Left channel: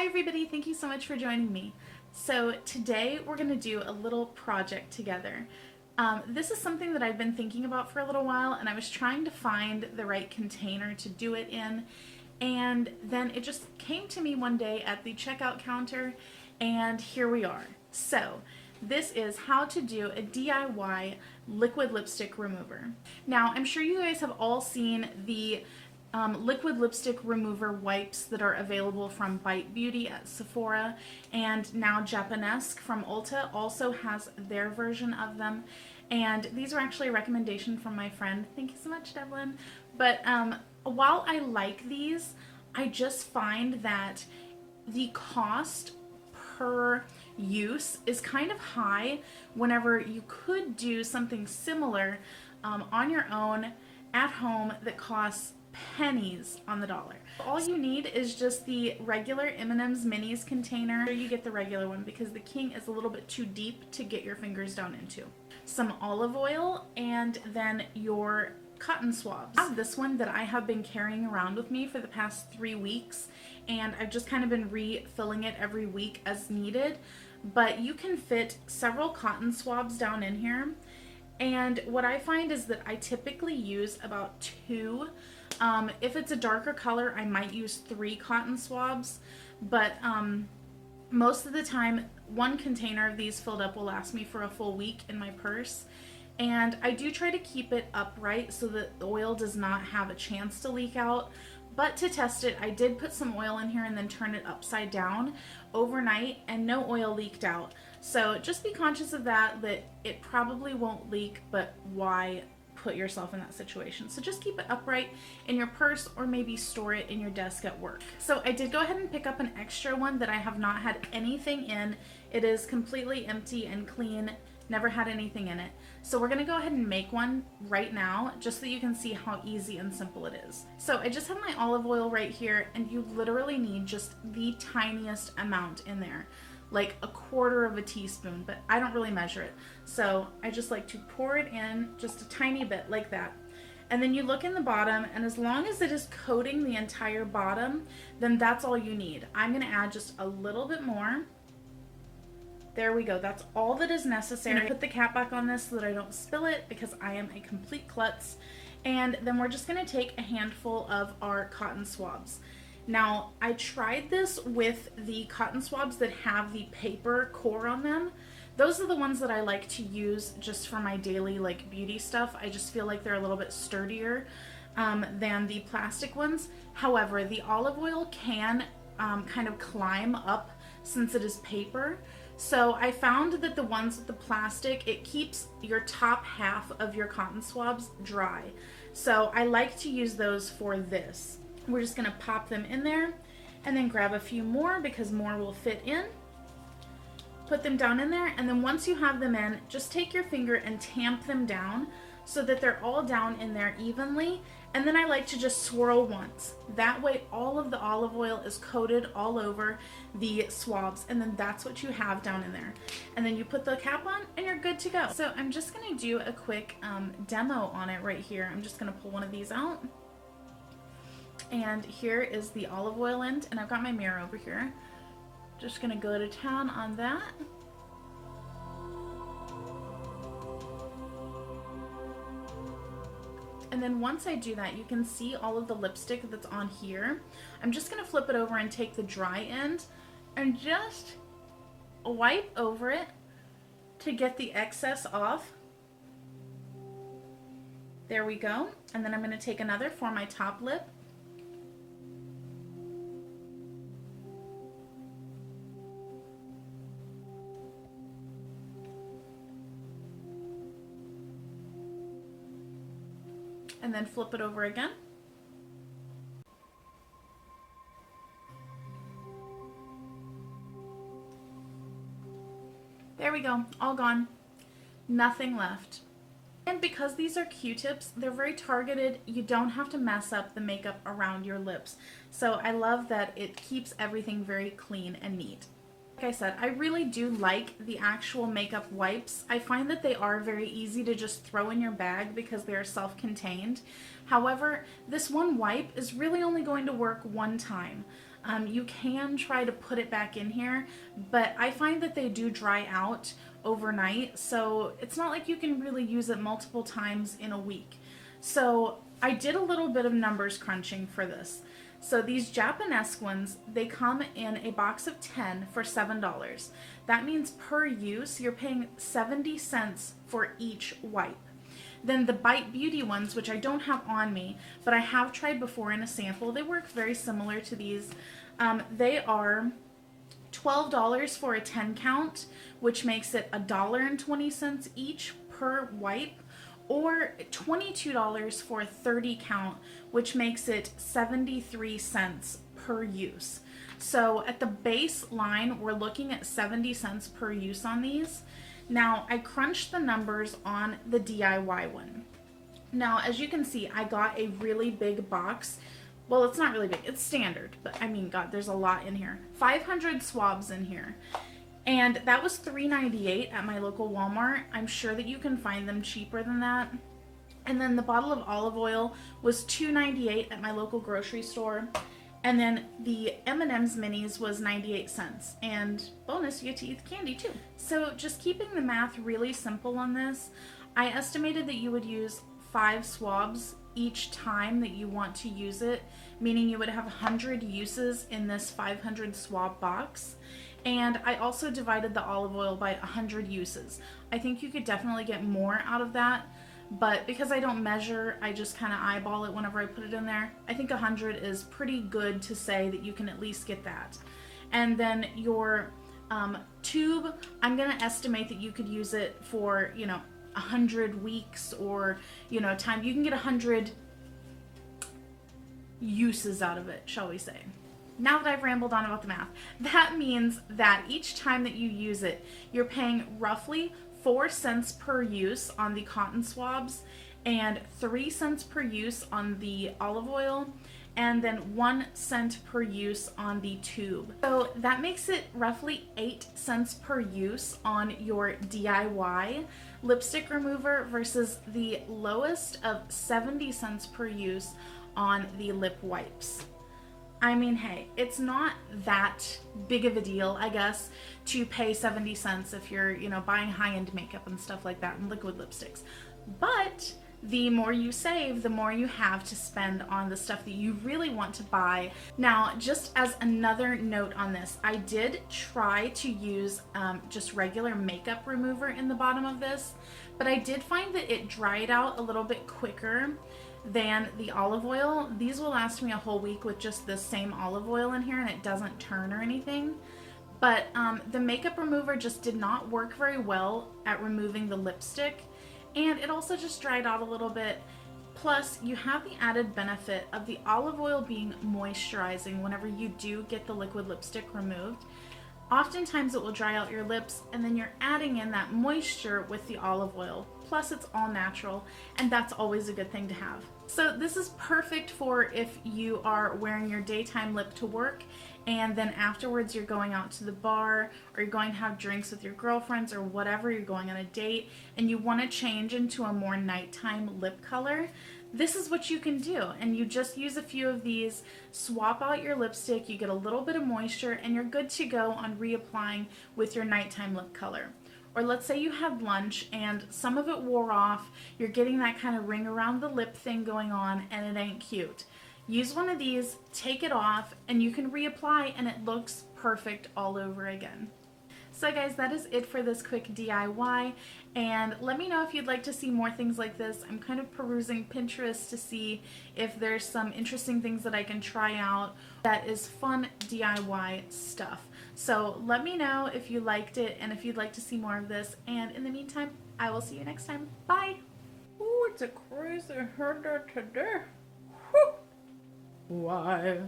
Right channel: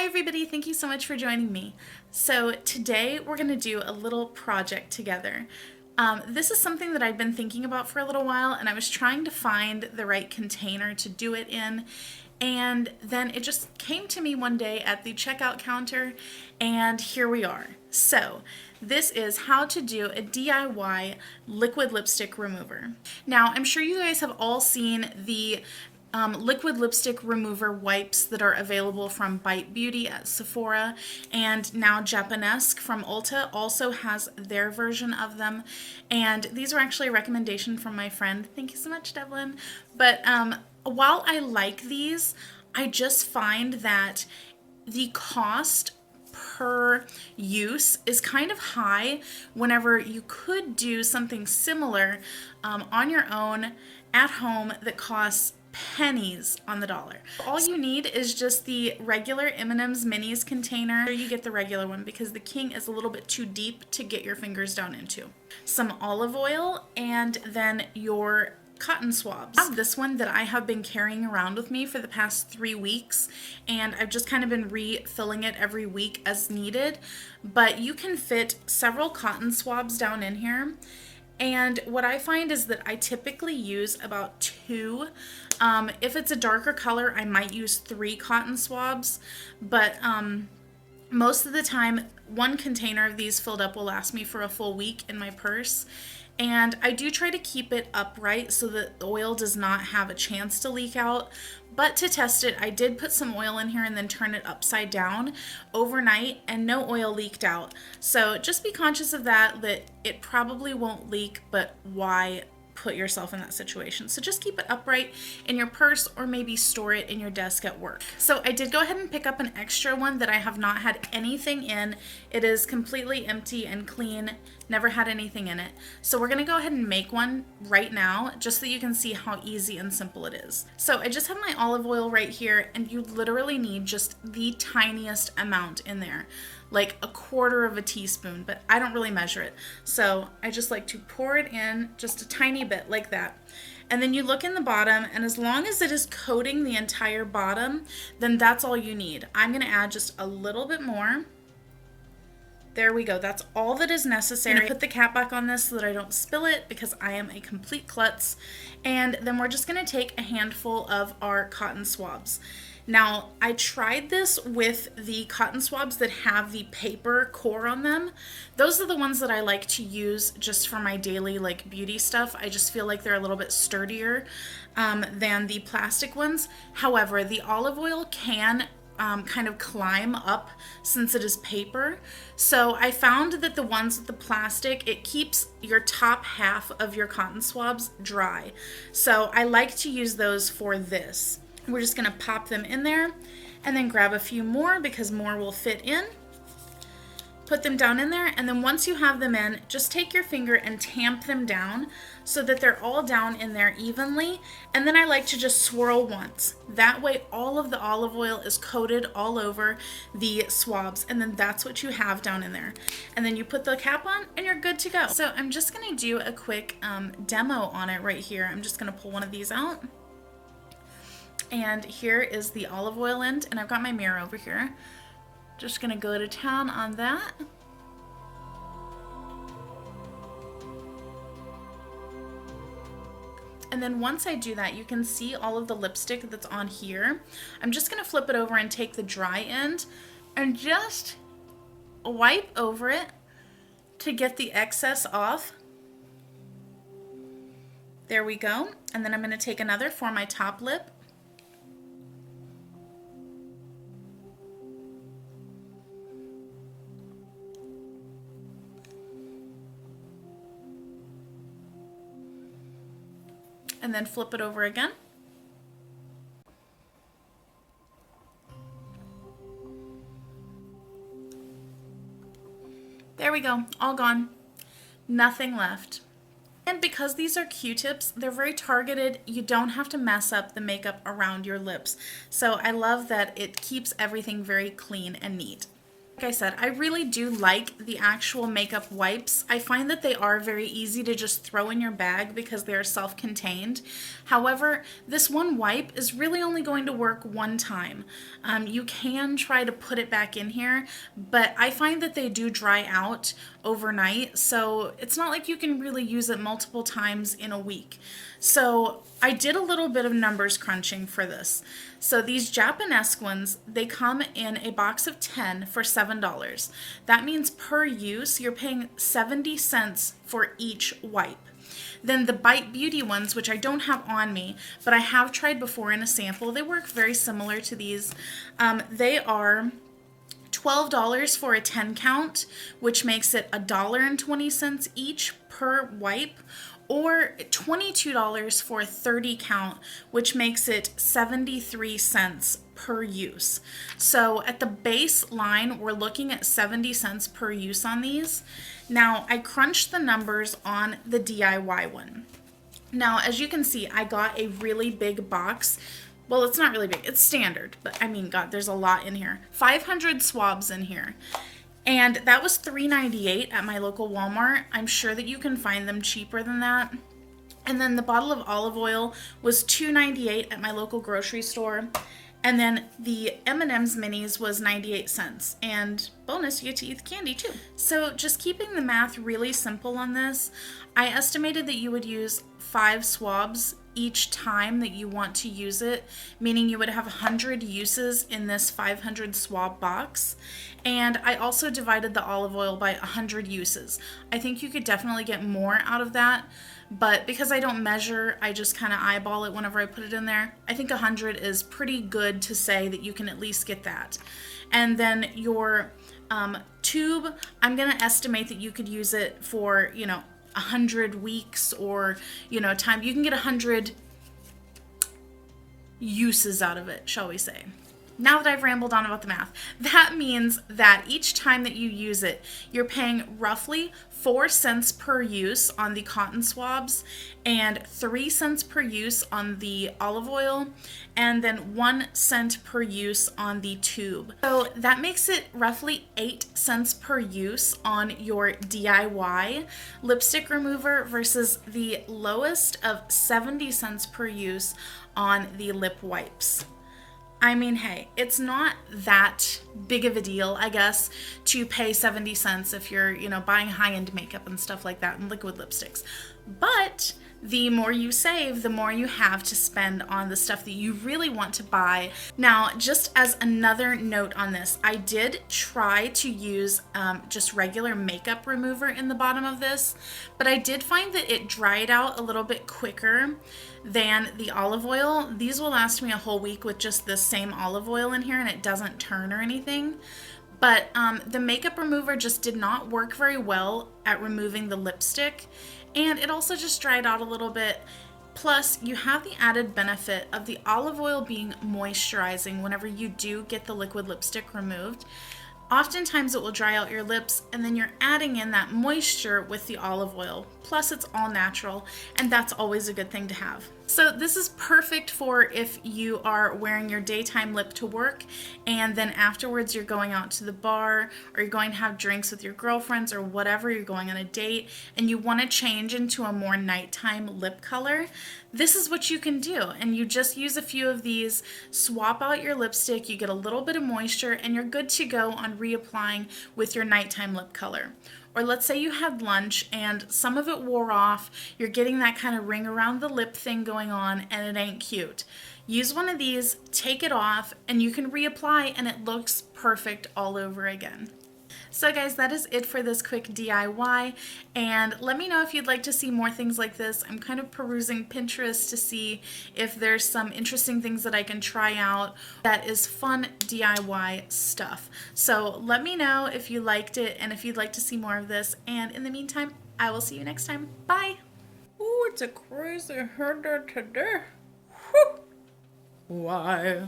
Hi everybody, thank you so much for joining me. So today we're going to do a little project together. This is something that I've been thinking about for a little while, and I was trying to find the right container to do it in, and then it just came to me one day at the checkout counter, and here we are. So this is how to do a DIY liquid lipstick remover. Now, I'm sure you guys have all seen the liquid lipstick remover wipes that are available from Bite Beauty at Sephora, and now Japonesque from Ulta also has their version of them. And these were actually a recommendation from my friend. Thank you so much, Devlin. But while I like these, I just find that the cost per use is kind of high whenever you could do something similar on your own at home that costs pennies on the dollar. All you need is just the regular M+Ms minis container. You get the regular one because the king is a little bit too deep to get your fingers down into. Some olive oil and then your cotton swabs. I have this one that I have been carrying around with me for the past 3 weeks, and I've just kind of been refilling it every week as needed, but you can fit several cotton swabs down in here. And what I find is that I typically use about 2. If it's a darker color, I might use 3 cotton swabs, but most of the time, 1 container of these filled up will last me for a full week in my purse. And I do try to keep it upright so that the oil does not have a chance to leak out. But to test it, I did put some oil in here and then turn it upside down overnight, and no oil leaked out. So just be conscious of that it probably won't leak, but why put yourself in that situation? So just keep it upright in your purse, or maybe store it in your desk at work. So I did go ahead and pick up an extra one that I have not had anything in. It is completely empty and clean. Never had anything in it. So we're gonna go ahead and make one right now, just so you can see how easy and simple it is. So I just have my olive oil right here, and you literally need just the tiniest amount in there, like a 1/4 of a teaspoon, but I don't really measure it. So I just like to pour it in just a tiny bit like that. And then you look in the bottom, and as long as it is coating the entire bottom, then that's all you need. I'm gonna add just a little bit more. There we go. That's all that is necessary. I'm gonna put the cap back on this so that I don't spill it, because I am a complete klutz. And then we're just gonna take a handful of our cotton swabs. Now, I tried this with the cotton swabs that have the paper core on them. Those are the ones that I like to use just for my daily beauty stuff. I just feel like they're a little bit sturdier than the plastic ones. However, the olive oil can kind of climb up since it is paper. So I found that the ones with the plastic, it keeps your top half of your cotton swabs dry. So I like to use those for this. We're just gonna pop them in there and then grab a few more because more will fit in. Put them down in there, and then once you have them in, just take your finger and tamp them down so that they're all down in there evenly. And then I like to just swirl once. That way all of the olive oil is coated all over the swabs, and then that's what you have down in there. And then you put the cap on and you're good to go. So I'm just gonna do a quick demo on it right here. I'm just gonna pull one of these out. And here is the olive oil end, and I've got my mirror over here. Just gonna go to town on that. And then once I do that, you can see all of the lipstick that's on here. I'm just gonna flip it over and take the dry end and just wipe over it to get the excess off. There we go. And then I'm gonna take another for my top lip. And then flip it over again. There we go, all gone. Nothing left. And because these are Q-tips, they're very targeted. You don't have to mess up the makeup around your lips. So I love that it keeps everything very clean and neat. Like I said, I really do like the actual makeup wipes. I find that they are very easy to just throw in your bag because they are self-contained. However, this one wipe is really only going to work one time. You can try to put it back in here, but I find that they do dry out overnight, so it's not like you can really use it multiple times in a week. So I did a little bit of numbers crunching for this. So these Japonesque ones, they come in a box of 10 for $7. That means per use, you're paying 70 cents for each wipe. Then the Bite Beauty ones, which I don't have on me, but I have tried before in a sample, they work very similar to these. They are $12 for a 10 count, which makes it $1.20 each per wipe, or $22 for a 30 count, which makes it 73 cents per use. So at the baseline, we're looking at 70 cents per use on these. Now, I crunched the numbers on the DIY one. Now, as you can see, I got a really big box. Well, it's not really big, it's standard, but I mean, God, there's a lot in here. 500 swabs in here. And that was $3.98 at my local Walmart. I'm sure that you can find them cheaper than that. And then the bottle of olive oil was $2.98 at my local grocery store. And then the M+Ms minis was 98 cents. And bonus, you get to eat the candy too. So just keeping the math really simple on this, I estimated that you would use 5 swabs each time that you want to use it, meaning you would have 100 uses in this 500 swab box. And I also divided the olive oil by 100 uses. I think you could definitely get more out of that, but because I don't measure, I just kind of eyeball it whenever I put it in there. I think 100 is pretty good to say that you can at least get that. And then your tube, I'm gonna estimate that you could use it for, 100 weeks or, time. You can get 100 uses out of it, shall we say. Now that I've rambled on about the math, that means that each time that you use it, you're paying roughly 4 cents per use on the cotton swabs and 3 cents per use on the olive oil, and then 1 cent per use on the tube. So that makes it roughly 8 cents per use on your DIY lipstick remover versus the lowest of 70 cents per use on the lip wipes. I mean, hey, it's not that big of a deal, I guess, to pay 70 cents if you're, buying high-end makeup and stuff like that and liquid lipsticks. But the more you save, the more you have to spend on the stuff that you really want to buy. Now, just as another note on this, I did try to use just regular makeup remover in the bottom of this, but I did find that it dried out a little bit quicker than the olive oil. These will last me a whole week with just the same olive oil in here, and it doesn't turn or anything. But the makeup remover just did not work very well at removing the lipstick, and it also just dried out a little bit. Plus, you have the added benefit of the olive oil being moisturizing whenever you do get the liquid lipstick removed. Oftentimes it will dry out your lips, and then you're adding in that moisture with the olive oil. Plus it's all natural, and that's always a good thing to have. So this is perfect for if you are wearing your daytime lip to work, and then afterwards you're going out to the bar, or you're going to have drinks with your girlfriends, or whatever, you're going on a date, and you want to change into a more nighttime lip color. This is what you can do, and you just use a few of these, swap out your lipstick, you get a little bit of moisture, and you're good to go on reapplying with your nighttime lip color. Or let's say you had lunch and some of it wore off, you're getting that kind of ring around the lip thing going on, and it ain't cute. Use one of these, take it off, and you can reapply, and it looks perfect all over again. So guys, that is it for this quick DIY, and let me know if you'd like to see more things like this. I'm kind of perusing Pinterest to see if there's some interesting things that I can try out that is fun DIY stuff. So let me know if you liked it and if you'd like to see more of this, and in the meantime, I will see you next time. Bye! Ooh, it's a crazy hair today. Why?